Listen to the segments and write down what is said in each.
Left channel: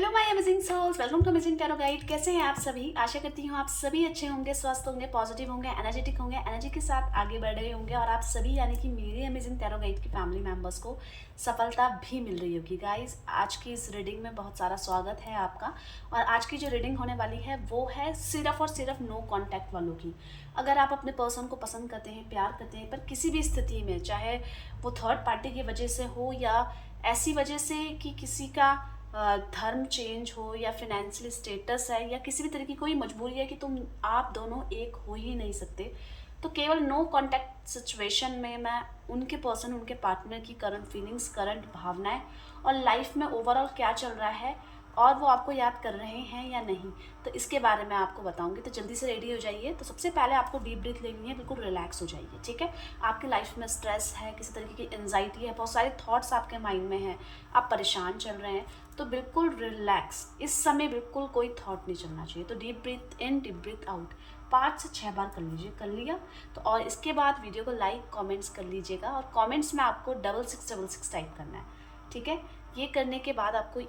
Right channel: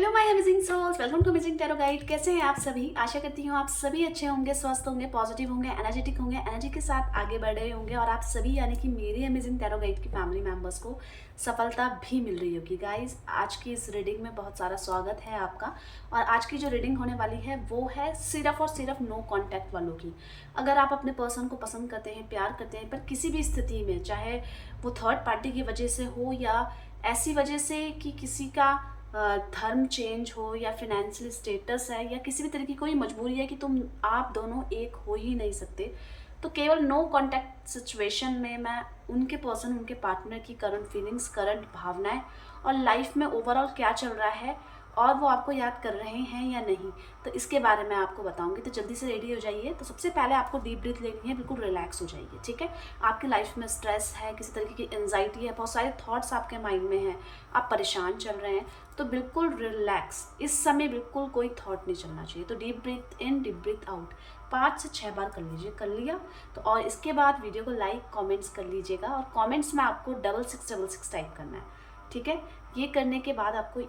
Hello my amazing souls, welcome to amazing tarot guide. कैसे हैं आप सभी? आशा करती हूँ आप सभी अच्छे होंगे, स्वस्थ होंगे, पॉजिटिव होंगे, एनर्जेटिक होंगे, एनर्जी के साथ आगे बढ़ रहे होंगे और आप सभी यानी कि मेरे अमेजिंग टैरो गाइड की फैमिली मेंबर्स को सफलता भी मिल रही होगी। गाइज, आज की इस रीडिंग में बहुत सारा स्वागत है आपका। और आज की जो रीडिंग होने वाली है वो है सिर्फ और सिर्फ नो कॉन्टैक्ट वालों की। अगर आप अपने पर्सन को पसंद करते हैं, प्यार करते हैं, पर किसी भी स्थिति में, चाहे वो थर्ड पार्टी की वजह से हो या ऐसी वजह से कि किसी का धर्म चेंज हो या फिनेंशियल स्टेटस है या किसी भी तरह की कोई मजबूरी है कि आप दोनों एक हो ही नहीं सकते, तो केवल नो कांटेक्ट सिचुएशन में मैं उनके पर्सन, उनके पार्टनर की करंट फीलिंग्स, करंट भावनाएं और लाइफ में ओवरऑल क्या चल रहा है और वो आपको याद कर रहे हैं या नहीं, तो इसके बारे में आपको बताऊंगी। तो जल्दी से रेडी हो जाइए। तो सबसे पहले आपको डीप ब्रीथ लेनी है, बिल्कुल रिलैक्स हो जाइए, ठीक है। आपकी लाइफ में स्ट्रेस है, किसी तरीके की एंजाइटी है, बहुत सारे थॉट्स आपके माइंड में हैं, आप परेशान चल रहे हैं, तो बिल्कुल रिलैक्स। इस समय बिल्कुल कोई थॉट नहीं चलना चाहिए। तो डीप ब्रीथ इन, डीप ब्रीथ आउट 5 से 6 बार कर लीजिए। कर लिया तो और इसके बाद वीडियो को लाइक कमेंट्स कर लीजिएगा और कमेंट्स में आपको 6666 टाइप करना है, ठीक है। ये करने के बाद आपको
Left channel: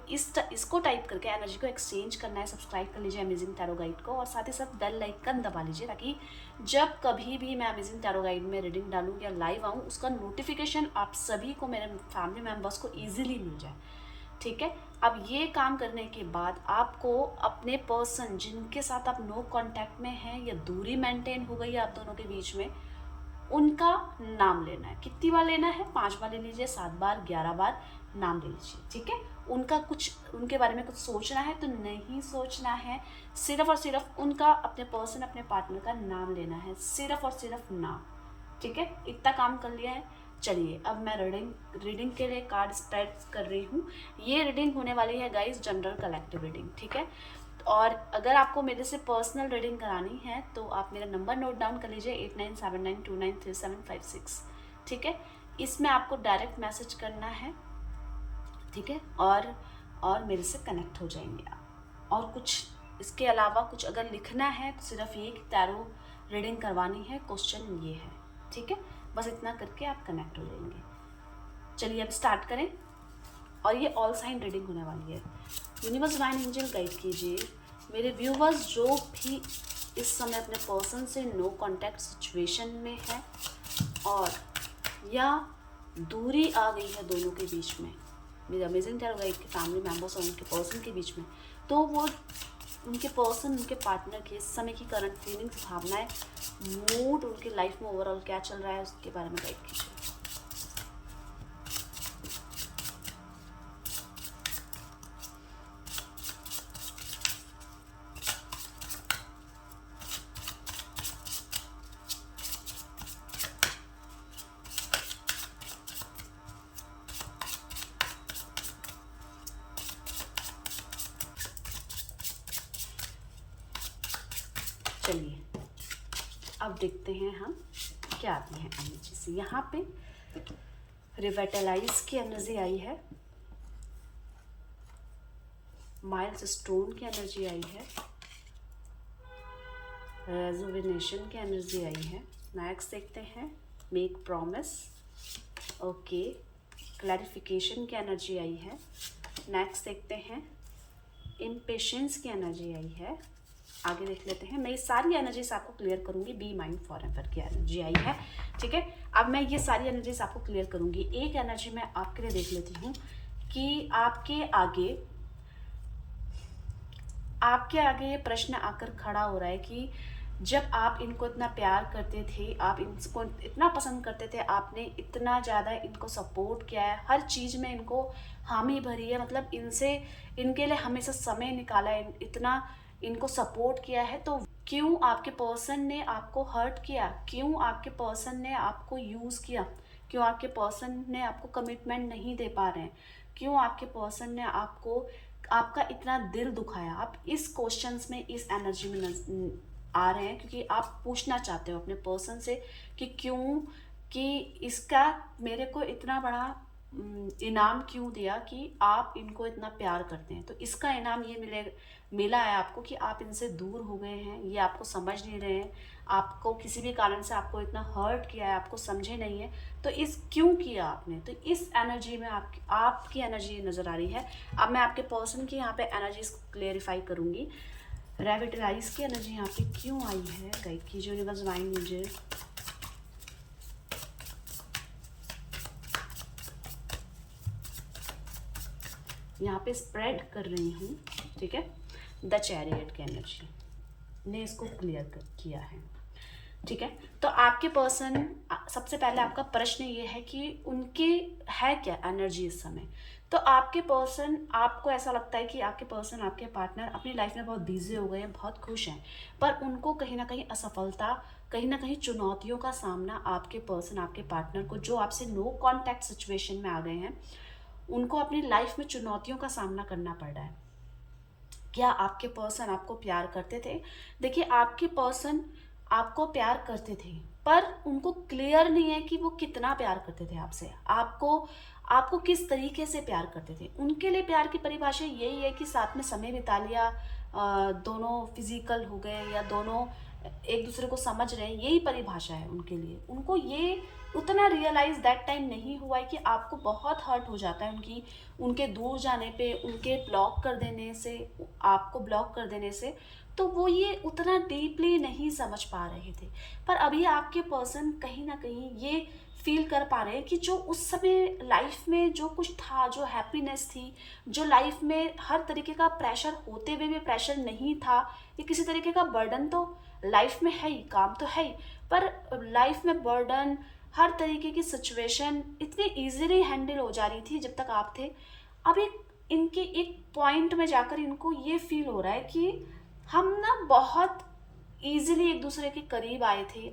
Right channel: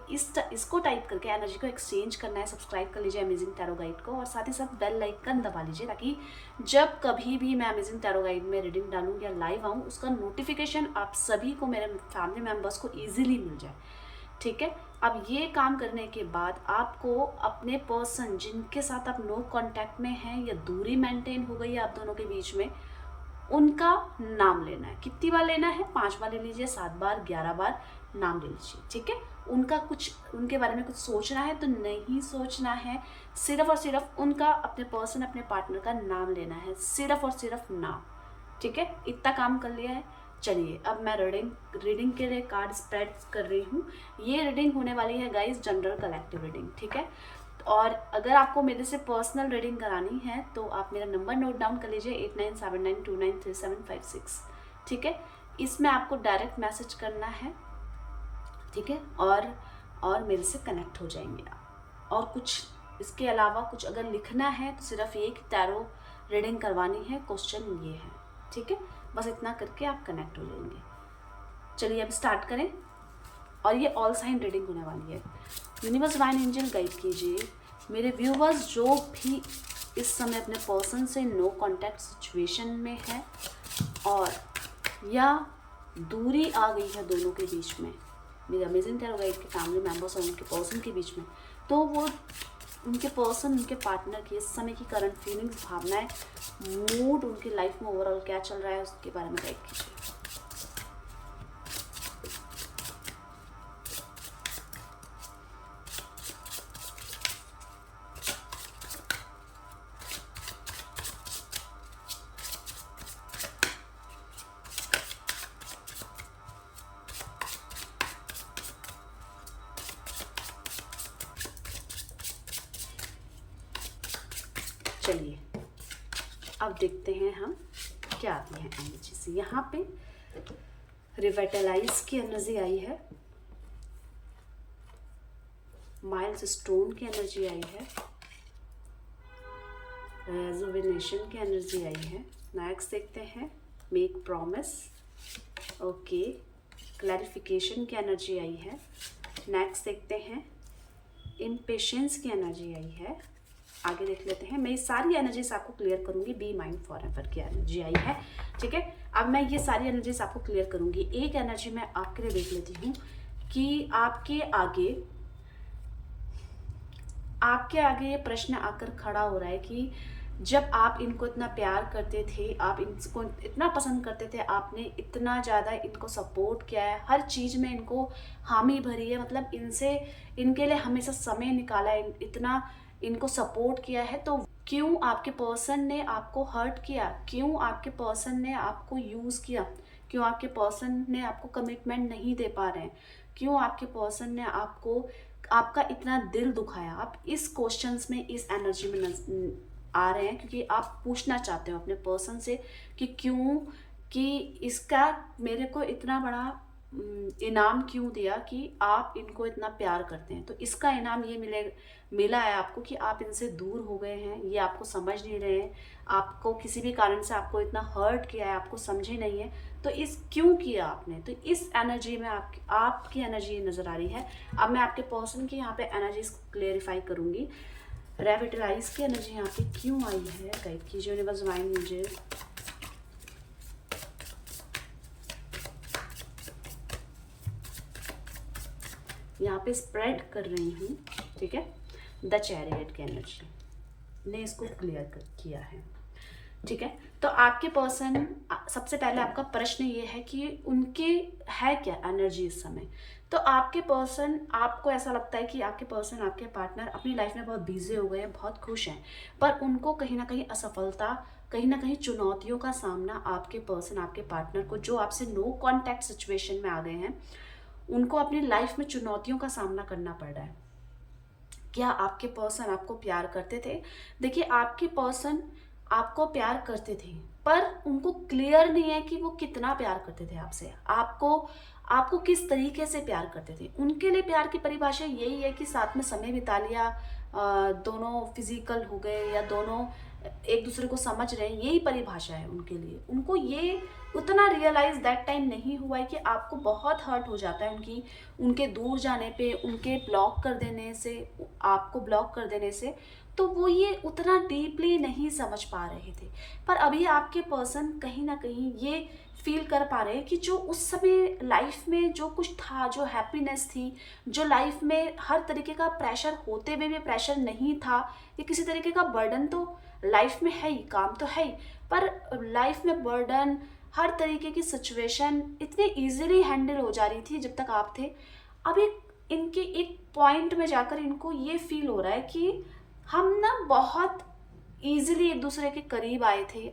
इसको टाइप करके एनर्जी को एक्सचेंज करना है। सब्सक्राइब कर लीजिए अमेजिंग टैरो गाइड को और साथ ही साथ बेल आइकन दबा लीजिए ताकि जब कभी भी मैं अमेजिंग टैरो गाइड में रीडिंग डालूँ या लाइव आऊँ, उसका नोटिफिकेशन आप सभी को, मेरे फैमिली मेम्बर्स को ईजिली मिल जाए, ठीक है। अब ये काम करने के बाद आपको अपने पर्सन जिनके साथ आप नो कांटेक्ट में हैं या दूरी मेंटेन हो गई है आप दोनों के बीच में, उनका नाम लेना है। कितनी बार लेना है? 5 बार ले लीजिए, 7 बार, 11 बार नाम ले लीजिए, ठीक है। उनके बारे में कुछ सोचना है तो नहीं सोचना है, सिर्फ और सिर्फ उनका, अपने पर्सन, अपने पार्टनर का नाम लेना है, सिर्फ और सिर्फ नाम, ठीक है। इतना काम कर लिया है। चलिए अब मैं रीडिंग के लिए कार्ड स्प्रेड कर रही हूँ। ये रीडिंग होने वाली है गाइस जनरल कलेक्टिव रीडिंग, ठीक है। और अगर आपको मेरे से पर्सनल रीडिंग करानी है तो आप मेरा नंबर नोट डाउन कर लीजिए 8979293756, ठीक है। इसमें आपको डायरेक्ट मैसेज करना है, ठीक है। और मेरे से कनेक्ट हो जाएंगे आप। और कुछ इसके अलावा कुछ अगर लिखना है तो सिर्फ ये कि टैरो रीडिंग करवानी है, क्वेश्चन ये है, ठीक है। बस इतना करके आप कनेक्ट हो जाएंगे। चलिए अब स्टार्ट करें। और ये ऑल साइन रीडिंग होने वाली है। यूनिवर्स डिवाइन एंजल गाइड कीजिए मेरे व्यूवर्स जो भी इस समय अपने पर्सन से नो कांटेक्ट सिचुएशन में है और या दूरी आ गई है दोनों के बीच में, मेरे अमेजिंग टैरो गाइड के फैमिली मेम्बर्स और उनके पर्सन के बीच में, तो वो उनके पर्सन, उनके पार्टनर की इस समय की करंट फीलिंग्स, भावनाएं, मूड, उनकी लाइफ में ओवरऑल क्या चल रहा है उसके बारे में गाइड कीजिए। चलिए अब देखते हैं हम क्या आती है एनर्जी से। यहाँ पे रिवेटलाइज की एनर्जी आई है, माइल्स स्टोन की एनर्जी आई है, रेजुविनेशन की एनर्जी आई है। नेक्स्ट देखते हैं मेक प्रॉमिस, ओके, क्लैरिफिकेशन की एनर्जी आई है। नेक्स्ट देखते हैं इम्पेशेंस की एनर्जी आई है। आगे देख लेते हैं। मैं ये सारी एनर्जीज आपको क्लियर करूंगी। बी माइंड फॉरएवर की एनर्जी आई है, ठीक है। अब मैं ये सारी एनर्जीज आपको क्लियर करूंगी। एक एनर्जी मैं आपके लिए देख लेती हूँ कि आपके आगे ये प्रश्न आकर खड़ा हो रहा है कि जब आप इनको इतना प्यार करते थे, आप इनको इतना पसंद करते थे, आपने इतना ज़्यादा इनको सपोर्ट किया है, हर चीज़ में इनको हामी भरी है, मतलब इनके लिए हमेशा समय निकाला है, इतना इनको सपोर्ट किया है, तो क्यों आपके पर्सन ने आपको हर्ट किया? क्यों आपके पर्सन ने आपको यूज़ किया? क्यों आपके पर्सन ने आपको कमिटमेंट नहीं दे पा रहे हैं? क्यों आपके पर्सन ने आपका इतना दिल दुखाया? आप इस क्वेश्चंस में, इस एनर्जी में आ रहे हैं क्योंकि आप पूछना चाहते हो अपने पर्सन से कि क्यों, कि इसका मेरे को इतना बड़ा इनाम क्यों दिया कि आप इनको इतना प्यार करते हैं, तो इसका इनाम ये मिला है आपको कि आप इनसे दूर हो गए हैं, ये आपको समझ नहीं रहे हैं, आपको किसी भी कारण से आपको इतना हर्ट किया है, आपको समझे नहीं है, तो इस क्यों किया आपने, तो इस एनर्जी में आपकी एनर्जी नज़र आ रही है। अब मैं आपके पर्सन की यहाँ पे एनर्जीज क्लेरिफाई करूँगी। रेविटलाइज की एनर्जी यहाँ पे क्यों आई है, गाइड कीजिए यूनिवर्स डिवाइन मुझे। यहाँ पे स्प्रेड कर रही हूँ, ठीक है। द चैरियट की एनर्जी ने इसको क्लियर किया है, ठीक है। तो आपके पर्सन, सबसे पहले आपका प्रश्न ये है कि उनके है क्या एनर्जी इस समय। तो आपके पर्सन, आपको ऐसा लगता है कि आपके पर्सन, आपके पार्टनर अपनी लाइफ में बहुत बिजी हो गए हैं, बहुत खुश हैं, पर उनको कहीं ना कहीं असफलता, कहीं ना कहीं चुनौतियों का सामना आपके पर्सन, आपके पार्टनर को, जो आपसे नो कॉन्टैक्ट सिचुएशन में आ गए हैं, उनको अपनी लाइफ में चुनौतियों का सामना करना पड़ रहा है। क्या आपके पर्सन आपको प्यार करते थे? देखिए, आपके पर्सन आपको प्यार करते थे, पर उनको क्लियर नहीं है कि वो कितना प्यार करते थे आपसे, आपको किस तरीके से प्यार करते थे। उनके लिए प्यार की परिभाषा यही है कि साथ में समय बिता लिया, दोनों फिजिकल हो गए, या दोनों एक दूसरे को समझ रहे हैं, यही परिभाषा है उनके लिए। उनको ये उतना रियलाइज दैट टाइम नहीं हुआ है कि आपको बहुत हर्ट हो जाता है उनके दूर जाने पे, उनके ब्लॉक कर देने से, आपको ब्लॉक कर देने से। तो वो ये उतना डीपली नहीं समझ पा रहे थे। पर अभी आपके पर्सन कहीं ना कहीं ये फील कर पा रहे हैं कि जो उस समय लाइफ में जो कुछ था, जो हैप्पीनेस थी, जो लाइफ में हर तरीके का प्रेशर होते हुए भी प्रेशर नहीं था, ये किसी तरीके का बर्डन तो लाइफ में है ही, काम तो है ही, पर लाइफ में बर्डन, हर तरीके की सिचुएशन इतनी इजीली हैंडल हो जा रही थी जब तक आप थे। अभी इनके एक पॉइंट में जाकर इनको ये फील हो रहा है कि हम ना बहुत इजीली एक दूसरे के करीब आए थे,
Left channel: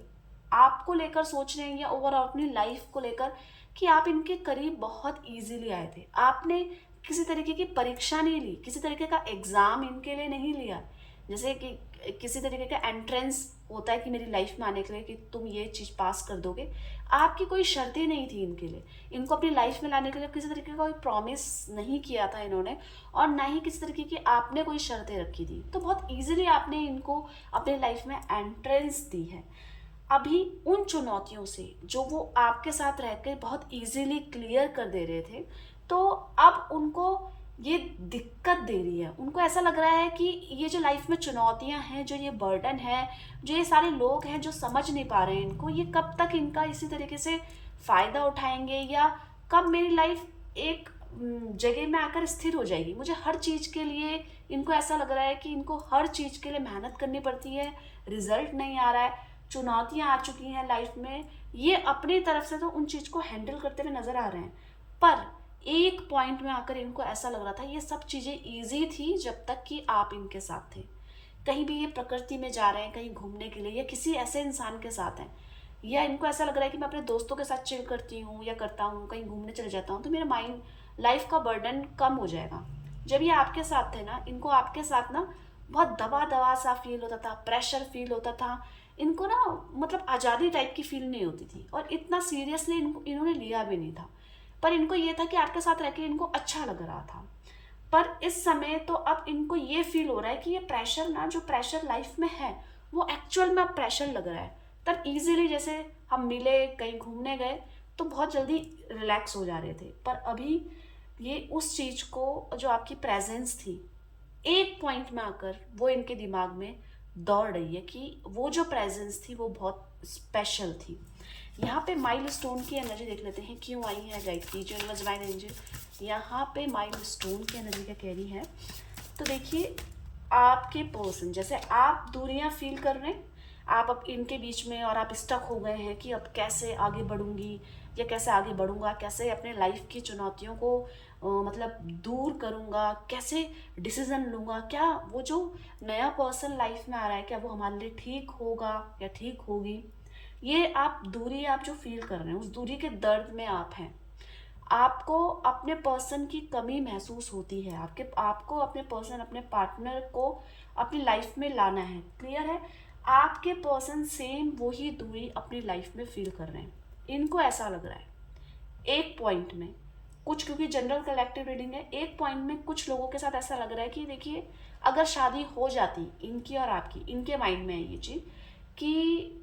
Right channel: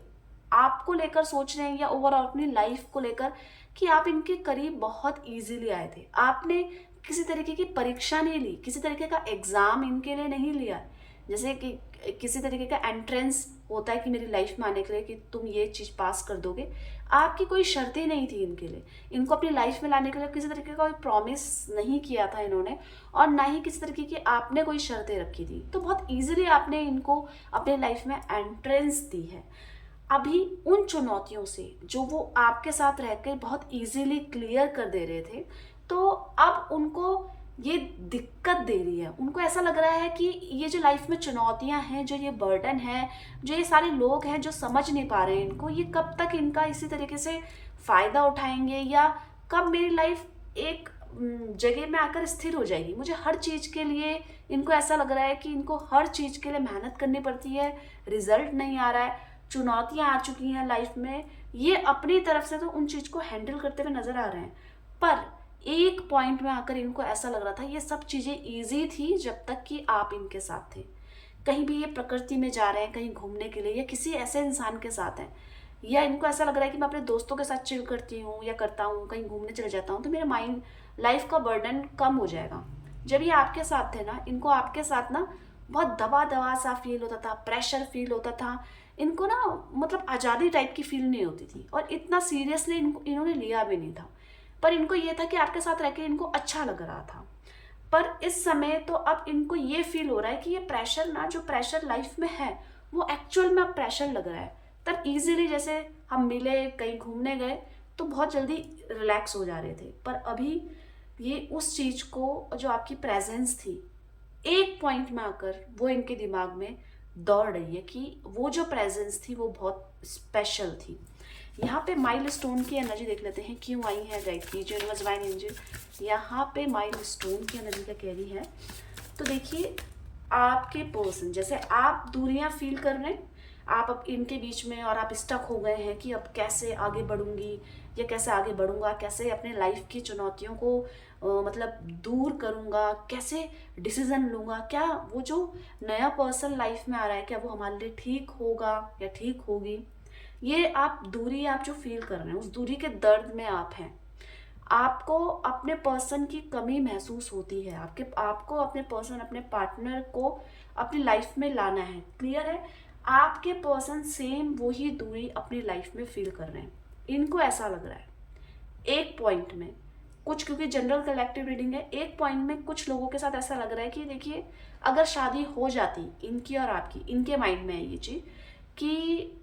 आपको लेकर सोच रहे हैं या ओवरऑल अपनी लाइफ को लेकर, कि आप इनके करीब बहुत इजीली आए थे। आपने किसी तरीके की परीक्षा नहीं ली, किसी तरीके का एग्जाम इनके लिए नहीं लिया, जैसे कि किसी तरीके का एंट्रेंस होता है कि मेरी लाइफ में आने के लिए कि तुम ये चीज़ पास कर दोगे। आपकी कोई शर्तें नहीं थी इनके लिए, इनको अपनी लाइफ में लाने के लिए किसी तरीके का कोई प्रॉमिस नहीं किया था इन्होंने, और ना ही किसी तरीके की आपने कोई शर्तें रखी थी। तो बहुत ईजिली आपने इनको अपनी लाइफ में एंट्रेंस दी है। अभी उन चुनौतियों से जो वो आपके साथ रहकर बहुत इजीली क्लियर कर दे रहे थे, तो अब उनको ये दिक्कत दे रही है। उनको ऐसा लग रहा है कि ये जो लाइफ में चुनौतियां हैं, जो ये बर्डन है, जो ये सारे लोग हैं जो समझ नहीं पा रहे हैं इनको, ये कब तक इनका इसी तरीके से फ़ायदा उठाएंगे, या कब मेरी लाइफ एक जगह में आकर स्थिर हो जाएगी। मुझे हर चीज़ के लिए, इनको ऐसा लग रहा है कि इनको हर चीज़ के लिए मेहनत करनी पड़ती है, रिजल्ट नहीं आ रहा है, चुनौतियां आ चुकी हैं लाइफ में, ये अपनी तरफ से तो उन चीज़ को हैंडल करते हुए नज़र आ रहे हैं। पर एक पॉइंट में आकर इनको ऐसा लग रहा था ये सब चीज़ें ईजी थी जब तक कि आप इनके साथ थे। कहीं भी ये प्रकृति में जा रहे हैं, कहीं घूमने के लिए, या किसी ऐसे इंसान के साथ हैं, या इनको ऐसा लग रहा है कि मैं अपने दोस्तों के साथ चिल करती हूँ या करता हूँ, कहीं घूमने चले जाता हूँ, तो मेरा माइंड, लाइफ का बर्डन कम हो जाएगा। जब ये आपके साथ थे ना, इनको आपके साथ ना बहुत दबा दबा सा फील होता था, प्रेशर फील होता था, इनको ना मतलब आज़ादी टाइप की फील नहीं होती थी, और इतना सीरियसली इन्होंने लिया भी नहीं था। पर इनको ये था कि आपके साथ रह के इनको अच्छा लग रहा था। पर इस समय तो अब इनको ये फील हो रहा है कि ये प्रेशर ना, जो प्रेशर लाइफ में है, वो एक्चुअल में अब प्रेशर लग रहा है। तब इजीली जैसे हम मिले, कहीं घूमने गए, तो बहुत जल्दी रिलैक्स हो जा रहे थे, पर अभी ये उस चीज़ को, जो आपकी प्रेजेंस थी, एक पॉइंट में आकर वो इनके दिमाग में दौड़ रही है कि वो जो प्रेजेंस थी वो बहुत स्पेशल थी। यहाँ पे माइलस्टोन की एनर्जी देख लेते हैं क्यों आई है, गाइड कीजिए यूनिवर्स डिवाइन एंजल। यहाँ पे माइलस्टोन की एनर्जी क्या कह रही है, तो देखिए, आपके पर्सन, जैसे आप दूरियां फील कर रहे हैं, आप अब इनके बीच में, और आप स्टक हो गए हैं कि अब कैसे आगे बढ़ूंगी, या कैसे आगे बढ़ूंगा, कैसे अपने लाइफ की चुनौतियों को मतलब दूर करूंगा, कैसे डिसीजन लूंगा, क्या वो जो नया पर्सन लाइफ में आ रहा है, क्या वो हमारे लिए ठीक होगा या ठीक होगी। ये आप दूरी, आप जो फील कर रहे हैं, उस दूरी के दर्द में आप हैं। आपको अपने पर्सन की कमी महसूस होती है, आपको अपने पर्सन, अपने पार्टनर को अपनी लाइफ में लाना है। क्लियर है? आपके पर्सन सेम वही दूरी अपनी लाइफ में फील कर रहे हैं। इनको ऐसा लग रहा है एक पॉइंट में कुछ, क्योंकि जनरल कलेक्टिव रीडिंग है, एक पॉइंट में कुछ लोगों के साथ ऐसा लग रहा है कि देखिए अगर शादी हो जाती इनकी और आपकी, इनके माइंड में है ये चीज़ कि,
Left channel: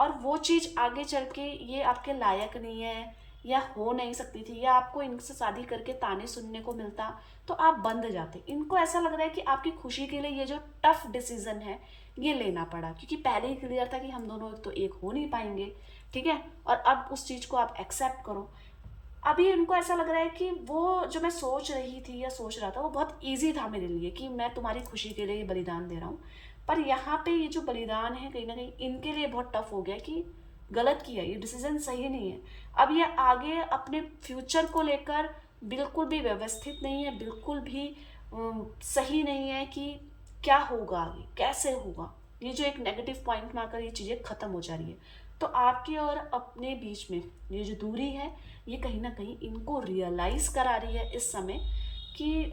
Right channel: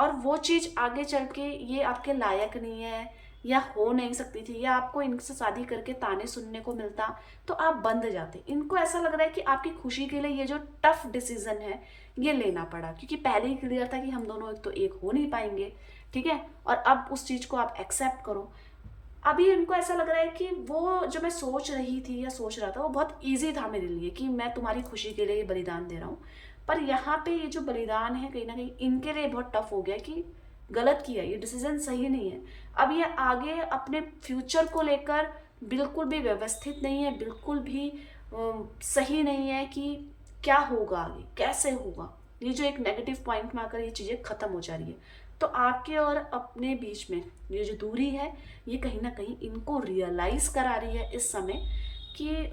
और वो चीज़ आगे चल के ये आपके लायक नहीं है या हो नहीं सकती थी, या आपको इनसे शादी करके ताने सुनने को मिलता तो आप बंद जाते। इनको ऐसा लग रहा है कि आपकी खुशी के लिए ये जो टफ डिसीजन है ये लेना पड़ा, क्योंकि पहले ही क्लियर था कि हम दोनों एक तो एक हो नहीं पाएंगे, ठीक है, और अब उस चीज़ को आप एक्सेप्ट करो। अभी उनको ऐसा लग रहा है कि वो जो मैं सोच रही थी या सोच रहा था वो बहुत ईजी था मेरे लिए, कि मैं तुम्हारी खुशी के लिए ये बलिदान दे रहा हूँ, पर यहाँ पे ये जो बलिदान है कहीं ना कहीं इनके लिए बहुत टफ हो गया कि गलत किया, ये डिसीजन सही नहीं है। अब ये आगे अपने फ्यूचर को लेकर बिल्कुल भी व्यवस्थित नहीं है, बिल्कुल भी सही नहीं है कि क्या होगा आगे, कैसे होगा। ये जो एक नेगेटिव पॉइंट में आकर ये चीज़ें ख़त्म हो जा रही है। तो आपके और अपने बीच में ये जो दूरी है ये कहीं ना कहीं इनको रियलाइज़ करा रही है इस समय कि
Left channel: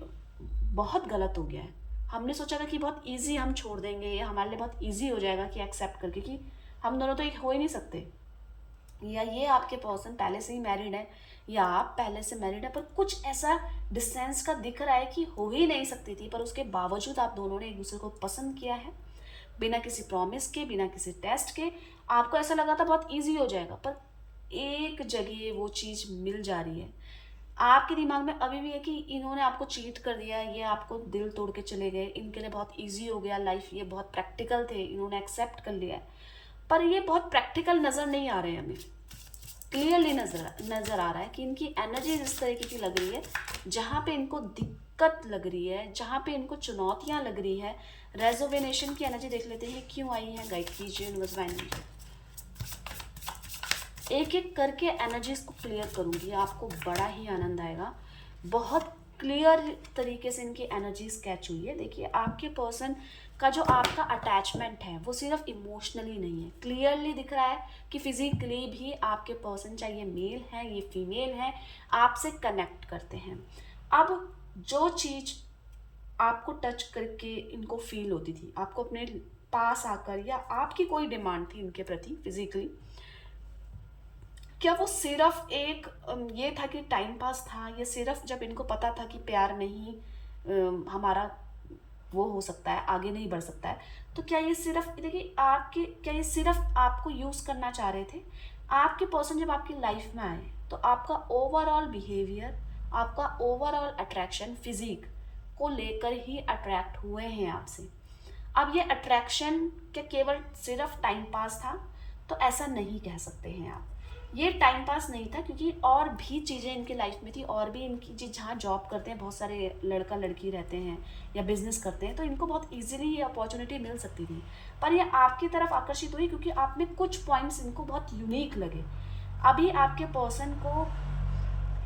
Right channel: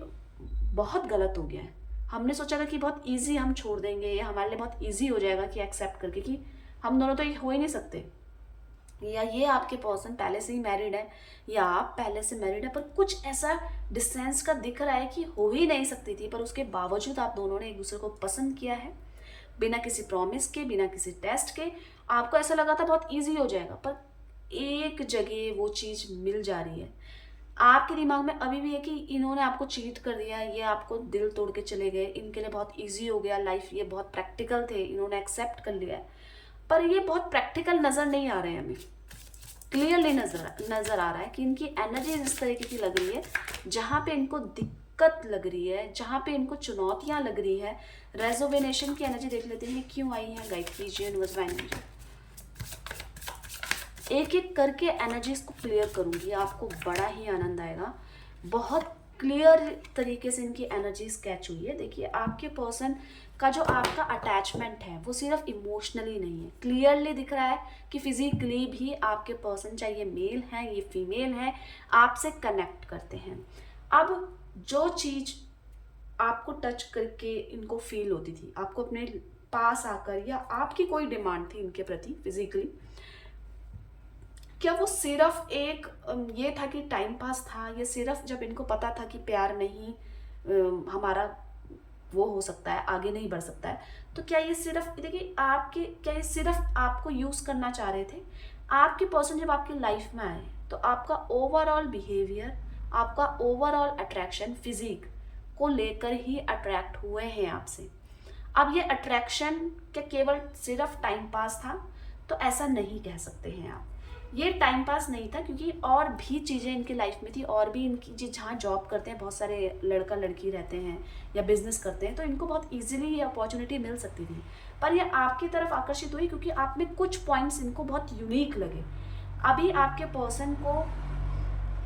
बहुत गलत हो गया है। हमने सोचा था कि बहुत इजी हम छोड़ देंगे, या हमारे लिए बहुत इजी हो जाएगा कि एक्सेप्ट करके कि हम दोनों तो एक हो ही नहीं सकते, या ये आपके पर्सन पहले से ही मैरिड है या आप पहले से मैरिड है, पर कुछ ऐसा डिस्टेंस का दिख रहा है कि हो ही नहीं सकती थी, पर उसके बावजूद आप दोनों ने एक दूसरे को पसंद किया है बिना किसी प्रॉमिस के, बिना किसी टेस्ट के। आपको ऐसा लगा था बहुत इजी हो जाएगा, पर एक जगह वो चीज़ मिल जा रही है। आपके दिमाग में अभी भी है कि इन्होंने आपको चीट कर दिया, ये आपको दिल तोड़ के चले गए, इनके लिए बहुत इजी हो गया लाइफ, ये बहुत प्रैक्टिकल थे, इन्होंने एक्सेप्ट कर लिया है। पर ये बहुत प्रैक्टिकल नज़र नहीं आ रहे हैं हमें, क्लियरली नज़र आ रहा है कि इनकी एनर्जी इस तरीके की लग रही है, जहाँ पे इनको दिक्कत लग रही है, जहाँ पे इनको चुनौतियाँ लग रही है। रेजोवेनेशन की एनर्जी देख लेते हैं क्यों आई है, गाइड कीजिए यूनिवर्स माइंड। एक एक करके एनर्जीज को क्लियर करूंगी, आपको बड़ा ही आनंद आएगा। बहुत क्लियर तरीके से इनकी एनर्जीज कैच हुई है। देखिए आपके पर्सन का जो आपका अटैचमेंट है वो सिर्फ इमोशनली नहीं है, क्लियरली दिख रहा है कि फिजिकली भी आपके पर्सन, चाहे ये मेल है ये फीमेल है, आपसे कनेक्ट करते हैं। अब जो चीज़ आपको टच करके इनको फील होती थी, आपको अपने पास आकर, या आपकी कोई डिमांड थी इनके प्रति फिजिकली, क्या वो सिर्फ एक ये था कि टाइम पास था, या सिर्फ जब इनको पता था कि प्यार नहीं हमारा वो हो सकता है, आगे नहीं बढ़ सकता है, तो क्या ये सिर्फ, देखिए आपके, क्या ये सिर्फ आपको यूज़ करना चाह रहे थे? आपके पर्सन जब आपकी लाइफ में आए तो आपका ओवरऑल बिहेवियर, आपका ओवरऑल अट्रैक्शन फिजिक को लेकर ही अट्रैक्ट हुए हैं आपसे। अब ये अट्रैक्शन क्या केवल सिर्फ टाइम पास था? तो ऐसा नहीं कह सकते हैं आप। ये टाइम पास नहीं था, क्योंकि और भी चीज़ें इनकी लाइफ में थी, और भी इनकी जहाँ जॉब करते हैं बहुत सारे लड़का लड़की रहते हैं या बिजनेस करते हैं, तो इनको बहुत इजीली ये अपॉर्चुनिटी मिल सकती थी, पर ये आपकी तरफ आकर्षित हुई क्योंकि आप में कुछ पॉइंट्स इनको बहुत यूनिक लगे। अभी आपके पर्सन को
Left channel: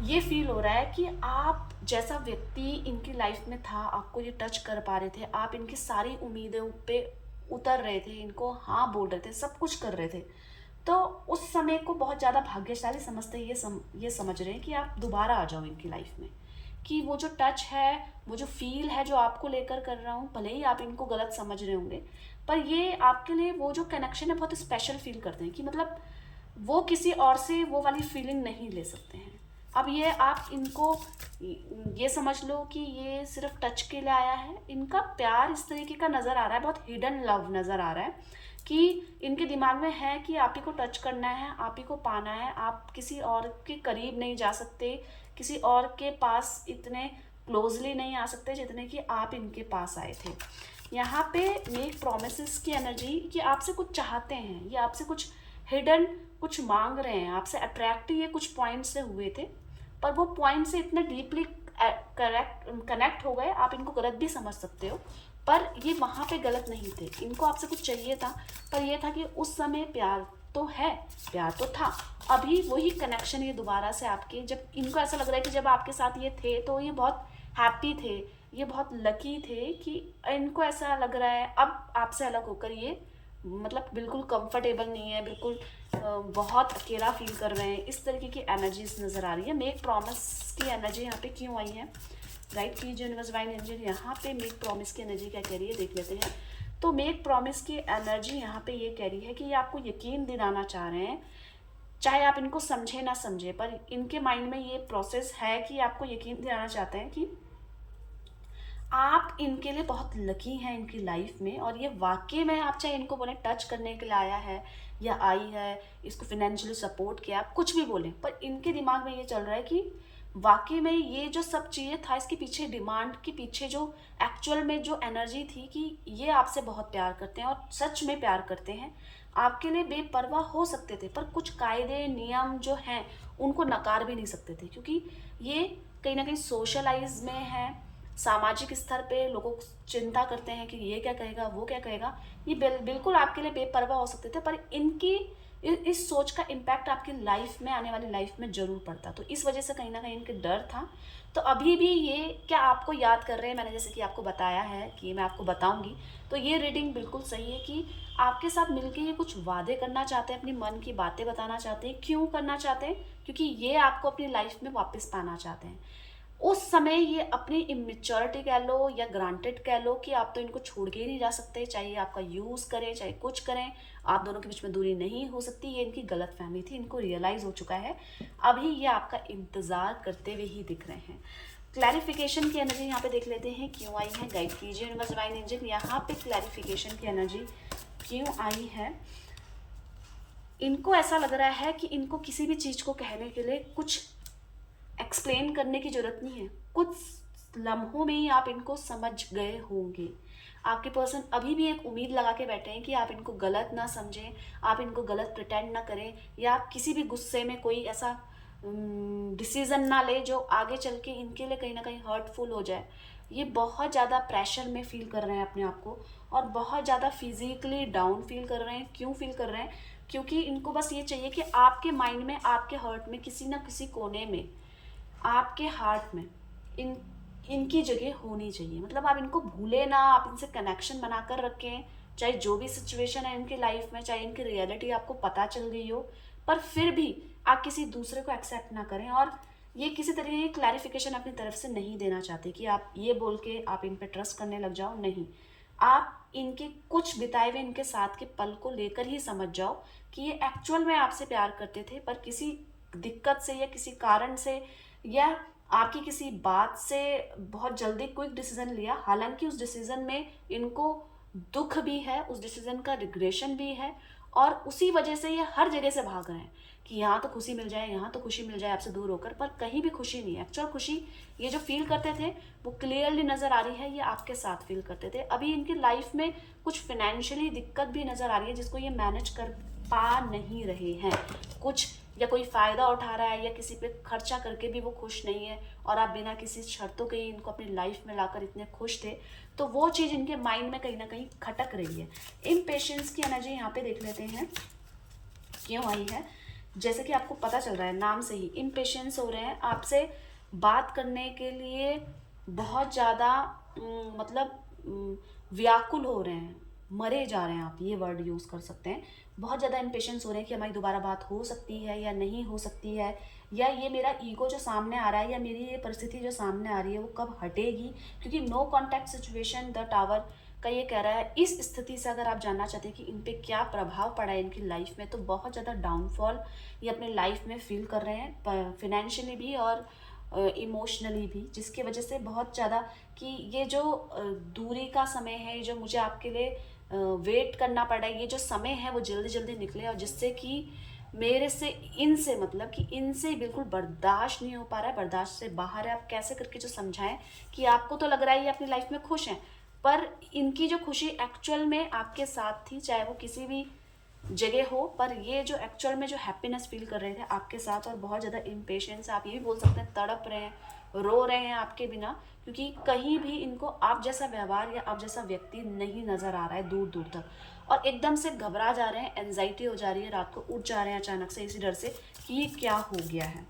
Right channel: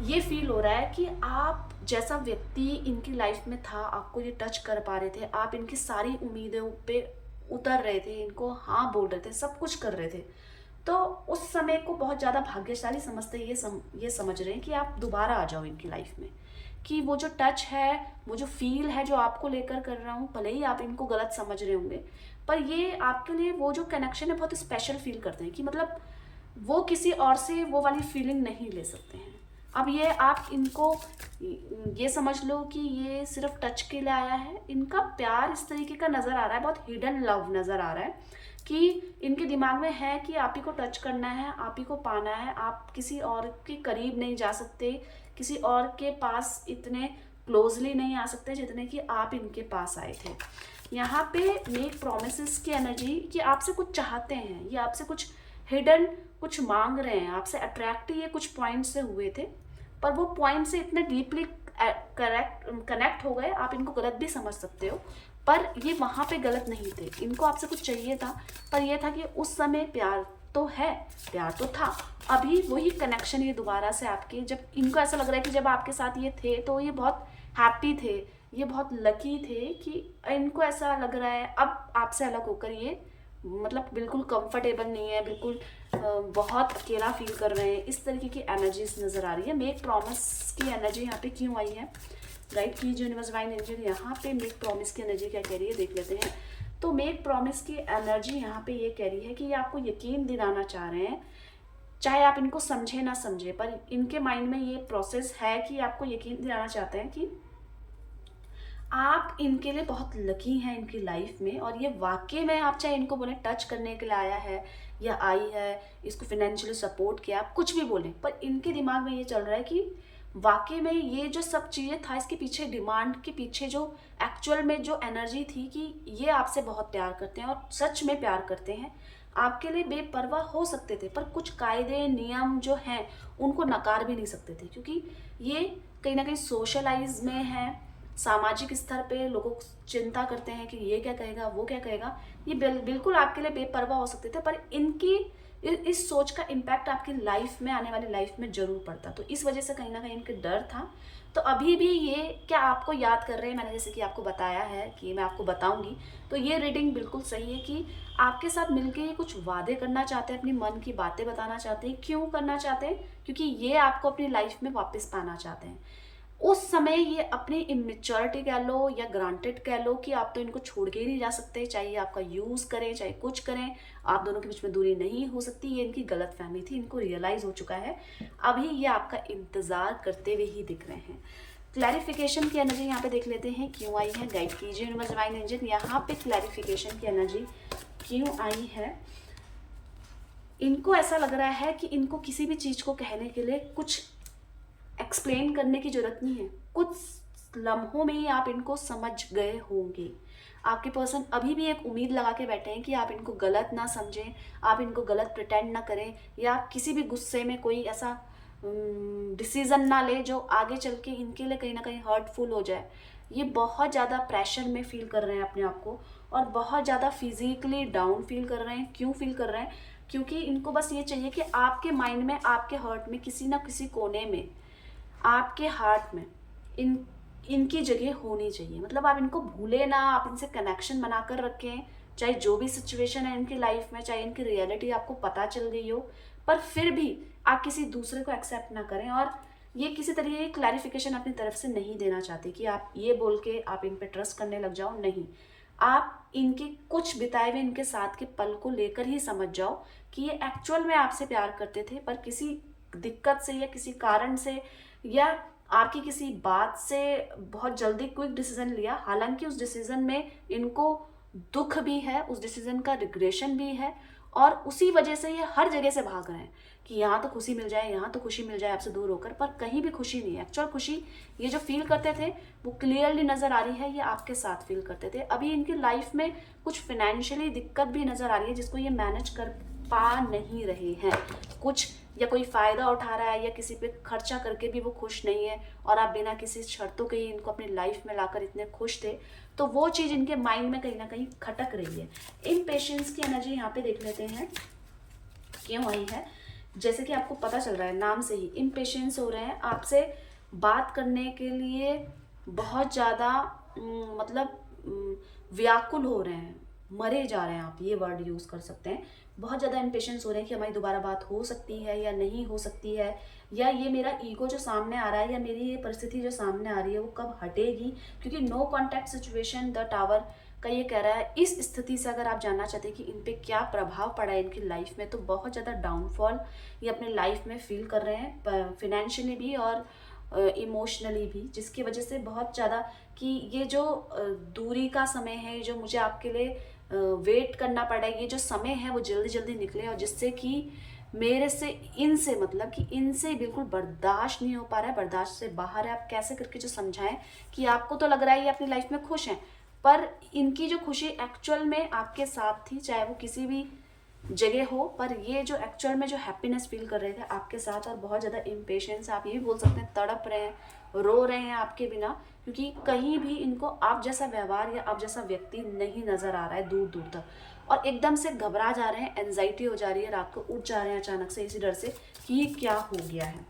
ये फील हो रहा है कि आप जैसा व्यक्ति इनकी लाइफ में था, आपको ये टच कर पा रहे थे, आप इनकी सारी उम्मीदों पे उतर रहे थे, इनको हाँ बोल रहे थे, सब कुछ कर रहे थे, तो उस समय को बहुत ज़्यादा भाग्यशाली समझते ये समझ रहे हैं कि आप दोबारा आ जाओ इनकी लाइफ में, कि वो जो टच है, वो जो फील है जो आपको लेकर कर रहा हूँ, भले ही आप इनको गलत समझ रहे होंगे, पर ये आपके लिए वो जो कनेक्शन है बहुत स्पेशल फील करते हैं, कि मतलब वो किसी और से वो वाली फीलिंग नहीं ले सकते हैं। अब ये आप इनको ये समझ लो कि ये सिर्फ टच के लिए आया है, इनका प्यार इस तरीके का नज़र आ रहा है, बहुत हिडन लव नज़र आ रहा है, कि इनके दिमाग में है कि आप ही को टच करना है, आप ही को पाना है, आप किसी और के करीब नहीं जा सकते, किसी और के पास इतने क्लोजली नहीं आ सकते जितने कि आप इनके पास आए थे। यहाँ पे मेक प्रोमिसेस की एनर्जी, कि आपसे कुछ चाहते हैं, ये आपसे कुछ हिडन कुछ मांग रहे हैं, आपसे अट्रैक्ट ये कुछ पॉइंट से हुए थे, पर वो पॉइंट से इतने डीपली कनेक्ट हो गए, आप इनको गलत भी समझ सकते हो, पर ये वहाँ पे गलत नहीं थे, इनको आपसे कुछ चाहिए था, पर ये था कि उस समय प्यार तो है, प्यार तो था, अभी वही कनेक्शन ये दोबारा से आपके, जब इनको ऐसा लग रहा है कि जब आपके साथ ये थे तो ये बहुत हैप्पी थे, ये बहुत लकी थे, कि इनको ऐसा लग रहा है अब आपसे अलग होकर ये मतलब बिल्कुल कंफर्टेबल नहीं है, बिल्कुल बहुत अकेला फील कर रहे हैं, इस तरीके की एनर्जीज नज़र आ रही है। मेक प्रॉमिस की एनर्जी यहाँ पे क्यों आई है, गाइड कीजिए यूनिवर्स डिवाइन एंजल, यहाँ पे मेक प्रॉमिस की एनर्जी क्या कह रही है देख लेते हैं। तो मेक प्रॉमिस की एनर्जी यहाँ पे ये कह रही है कि ये आपको यकीन दिलाना चाह रहे हैं चाहे आप इनको समझे ना समझे, पर इनके माइंड में ये प्रोसेस है कि आपको यकीन दिलाना चाहते हैं कि आप इनके लिए बहुत लकी हैं इनकी लाइफ में, और ये वाकई में, आप चाहे इनको बोलें टच करने के लिए आया है या आई है, इसको फाइनेंशियली सपोर्ट किया, आप कुछ भी बोलें, पर इनके दिमाग में ये चल रहा है कि वाकई में ये जो सब चीज़ें था, इसके पीछे डिमांड के पीछे जो एक्चुअल में जो एनर्जी थी कि ये आपसे बहुत प्यार करते हैं और सच में प्यार करते हैं, आपके लिए बेपरवाह हो सकते थे, पर कुछ कायदे नियम जो हैं उनको नकार भी नहीं सकते थे, क्योंकि ये कहीं ना कहीं सोशलाइज में है, सामाजिक स्तर पे लोगों को चिंता करते हैं कि ये क्या कहेगा, वो क्या कहेगा। ये बिल्कुल आपके लिए बेपरवाह हो सकते थे, पर इनकी इस सोच का इम्पैक्ट आपकी लाइफ में, आने वाली लाइफ में जरूर पड़ता, तो इस वजह से कहीं ना कहीं इनके डर था। तो अभी भी ये क्या आपको याद कर रहे हैं, मैंने जैसे कि आपको बताया है कि मैं आपको बताऊंगी, तो ये रीडिंग बिल्कुल सही है कि आपके साथ मिलके ये कुछ वादे करना चाहते हैं, अपनी मन की बातें बताना चाहते हैं। क्यों करना चाहते हैं? क्योंकि ये आपको अपनी लाइफ में वापस पाना चाहते हैं। उस समय ये अपनी इमेच्योरिटी कह लो या ग्रांटेड कह लो कि आप तो इनको छोड़ के ही नहीं जा सकते, चाहे आपका यूज़ करें चाहे कुछ करें, आप दोनों के बीच में दूरी नहीं हो सकती, ये इनकी गलत फहमी थी, इनको रियलाइज़ हो चुका है। अभी ये आपका इंतज़ार करते हुए ही दिख रहे हैं। क्लैरिफिकेशन की एनर्जी यहाँ पे देख लेते हैं क्यों आई है। गाइड कीजिए यूनिवर्स डिवाइन एंजल, यहाँ पे क्लैरिफिकेशन की एनर्जी क्यों आई है। इनको ऐसा लग रहा है कि इनको किसी भी चीज़ को कहने के लिए कुछ एक्सप्लेन करने की जरूरत नहीं है, कुछ लम्हों में ही आप इनको समझ गए होंगे। आपके पर्सन अभी भी एक उम्मीद लगा के बैठे हैं कि आप इनको गलत ना समझें, आप इनको गलत प्रिटेंड ना करें, या आप किसी भी गुस्से में कोई ऐसा डिसीजन ना ले जो आगे चल के इनके लिए कहीं ना कहीं हर्टफुल हो जाए। ये बहुत ज़्यादा प्रेशर में फील कर रहे हैं अपने आप को, और बहुत ज़्यादा फिजिकली डाउन फील कर रहे हैं। क्यों फील कर रहे हैं? क्योंकि इनको बस ये चाहिए कि आपके माइंड में, आपके हर्ट में, किसी ना किसी कोने में, आपके हार्ट में इनकी जगह होनी चाहिए। मतलब आप इनको भूले ना, आप इनसे कनेक्शन बनाकर रखें, चाहे जो भी सिचुएशन है इनकी लाइफ में, चाहे इनकी रियलिटी आपको पता चल गई हो, पर फिर भी आप किसी दूसरे को एक्सेप्ट ना करें। और ये किसी तरीके की क्लैरिफिकेशन अपनी तरफ से नहीं देना चाहते कि आप ये बोल के आप इन पे ट्रस्ट करने लग जाओ, नहीं। आप इनके कुछ बिताए हुए इनके साथ के पल को लेकर ही समझ जाओ कि ये एक्चुअल में आपसे प्यार करते थे, पर किसी दिक्कत से या किसी कारण से या आपकी किसी बात से बहुत जल्दी क्विक डिसीजन लिया। हालांकि उस डिसीजन में इनको दुख भी है, उस डिसीजन का रिग्रेशन भी है, और उसी वजह से ये हर जगह से भाग रहे हैं कि यहाँ तो खुशी मिल जाए, यहाँ तो खुशी मिल जाए आपसे दूर होकर, पर कहीं भी खुशी नहीं है। एक्चुअल खुशी ये जो फील करते थे वो क्लियरली नज़र आ रही है, ये आपके साथ फील करते थे। अभी इनकी लाइफ में कुछ फाइनेंशियली दिक्कत भी नज़र आ रही है जिसको ये मैनेज कर पा नहीं रहे हैं। कुछ या कोई फ़ायदा उठा रहा है या किसी पे खर्चा करके भी वो खुश नहीं है, और आप बिना किसी शर्तों के ही इनको अपनी लाइफ में लाकर इतने खुश थे, तो वो चीज़ इनके माइंड में कहीं ना कहीं खटक रही है। इम्पेशेंस की एनर्जी यहाँ पे देख लेते हैं क्यों आई है। जैसे कि आपको पता चल रहा है नाम से ही, इम्पेशेंस हो रहे हैं आपसे बात करने के लिए, बहुत ज़्यादा व्याकुल हो रहे हैं, मरे जा रहे हैं, आप ये वर्ड यूज़ कर सकते हैं। बहुत ज़्यादा इम्पेशेंस हो रहे हैं कि हमारी दोबारा बात हो सकती है या नहीं हो सकती है, या ये मेरा ईगो जो सामने आ रहा है या मेरी ये परिस्थिति जो सामने आ रही है वो कब हटेगी। क्योंकि no contact situation the tower का ये कह रहा है, इस स्थिति से अगर आप जानना चाहते हैं कि इन पे क्या प्रभाव पड़ा है इनकी लाइफ में, तो बहुत ज़्यादा डाउनफॉल ये अपने लाइफ में फील कर रहे हैं, फिनेंशियली भी और इमोशनली भी, जिसकी वजह से बहुत ज़्यादा कि ये जो दूरी का समय है, जो मुझे आपके लिए वेट करना पड़ा है, ये जो समय है वो जल्दी जल्दी निकले, और जिससे कि मेरे से इनसे, मतलब कि इनसे बिल्कुल बर्दाश्त नहीं हो पा रहा है, बर्दाश्त से बाहर है। आप कैसे करके जो समझाएं कि आपको तो लग रहा है ये अपनी लाइफ में खुश हैं, पर इनकी जो खुशी एक्चुअल में आपके साथ थी, चाहे वो किसी भी जगह हो, पर ये जो एक्चुअल में जो हैप्पीनेस फील कर रहे थे आपके साथ, और बहुत ज़्यादा इम्पेशेंस, आप ये भी बोल सकते हैं तड़प रहे हैं, रो रहे हैं आपके बिना, क्योंकि कहीं भी इनको आप जैसा व्यवहार या आप जैसा व्यक्ति नहीं नज़र आ रहा है दूर दूर तक, और एकदम से घबरा जा रहे हैं, एनजाइटी हो जा रही है, रात को उठ जा रहे हैं अचानक से इसी डर से कि ये क्या हो गया है।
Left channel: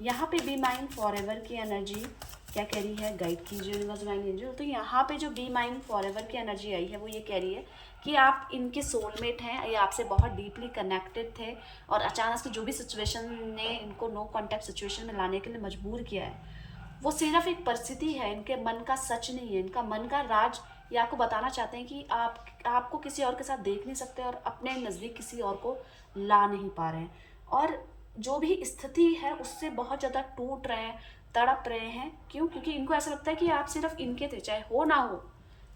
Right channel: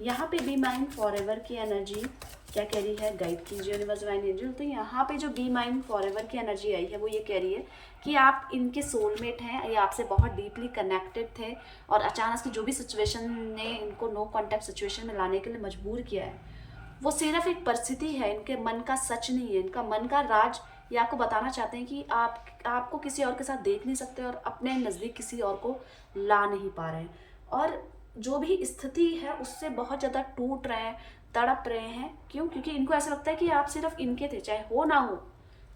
यहाँ पे बी माइंड फॉरएवर की एनर्जी क्या कह रही है, गाइड कीजिए यूनिवर्स डिवाइन एंजल। तो यहाँ पे जो बी माइंड फॉरएवर की एनर्जी आई है वो ये कह रही है कि आप इनके सोलमेट हैं, या आपसे बहुत डीपली कनेक्टेड थे, और अचानक से जो भी सिचुएशन ने इनको नो कॉन्टैक्ट सिचुएशन में लाने के लिए मजबूर किया है, वो सिर्फ एक परिस्थिति है, इनके मन का सच नहीं है, इनका मन का राज। ये आपको बताना चाहते हैं कि आपको किसी और के साथ देख नहीं सकते और अपने नज़दीक किसी और को ला नहीं पा रहे हैं। और जो भी स्थिति है उससे बहुत ज़्यादा टूट रहे हैं, तड़प रहे हैं। क्यों? क्योंकि इनको ऐसा लगता है कि आप सिर्फ इनके थे, चाहे हो ना हो,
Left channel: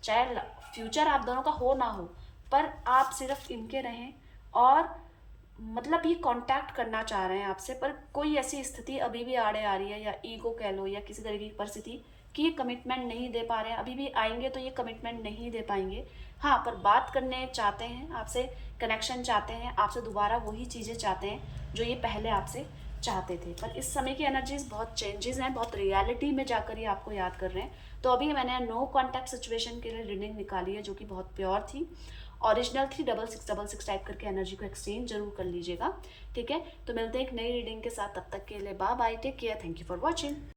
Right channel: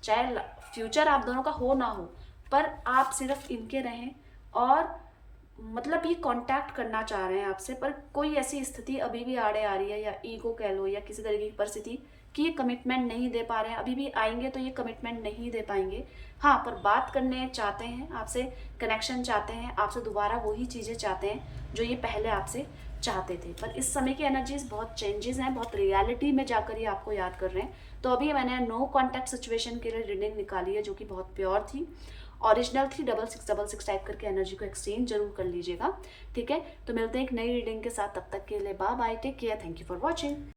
चाहे फ्यूचर आप दोनों का हो ना हो, पर आप सिर्फ इनके रहें। और मतलब ये कांटेक्ट करना चाह रहे हैं आपसे, पर कोई ऐसी स्थिति अभी भी आड़े आ रही है, या ईगो कह लो, या किसी तरीके की परिस्थिति कि ये कमिटमेंट नहीं दे पा रहे हैं। अभी भी आएंगे तो ये कमिटमेंट नहीं दे पाएंगे। हाँ, पर बात करने चाहते हैं आपसे, कनेक्शन चाहते हैं आपसे, दोबारा वही चीज़ें चाहते हैं जो ये पहले आपसे चाहते थे। पर इस समय की एनर्जीज बहुत चेंजेस हैं, बहुत रियलिटी में जाकर ये आपको याद कर रहे हैं। तो अभी मैंने नो कॉन्टैक्ट सिचुएशन के लिए रीडिंग निकाली है, जो कि बहुत प्योर थी, ओरिजिनल थी। 6666 टाइप करके एनर्जी को एक्सचेंज जरूर कर लीजिएगा, ठीक है। तो मिलते हैं एक नई रीडिंग के साथ, तब तक के लिए bye bye, take care, thank you for watching.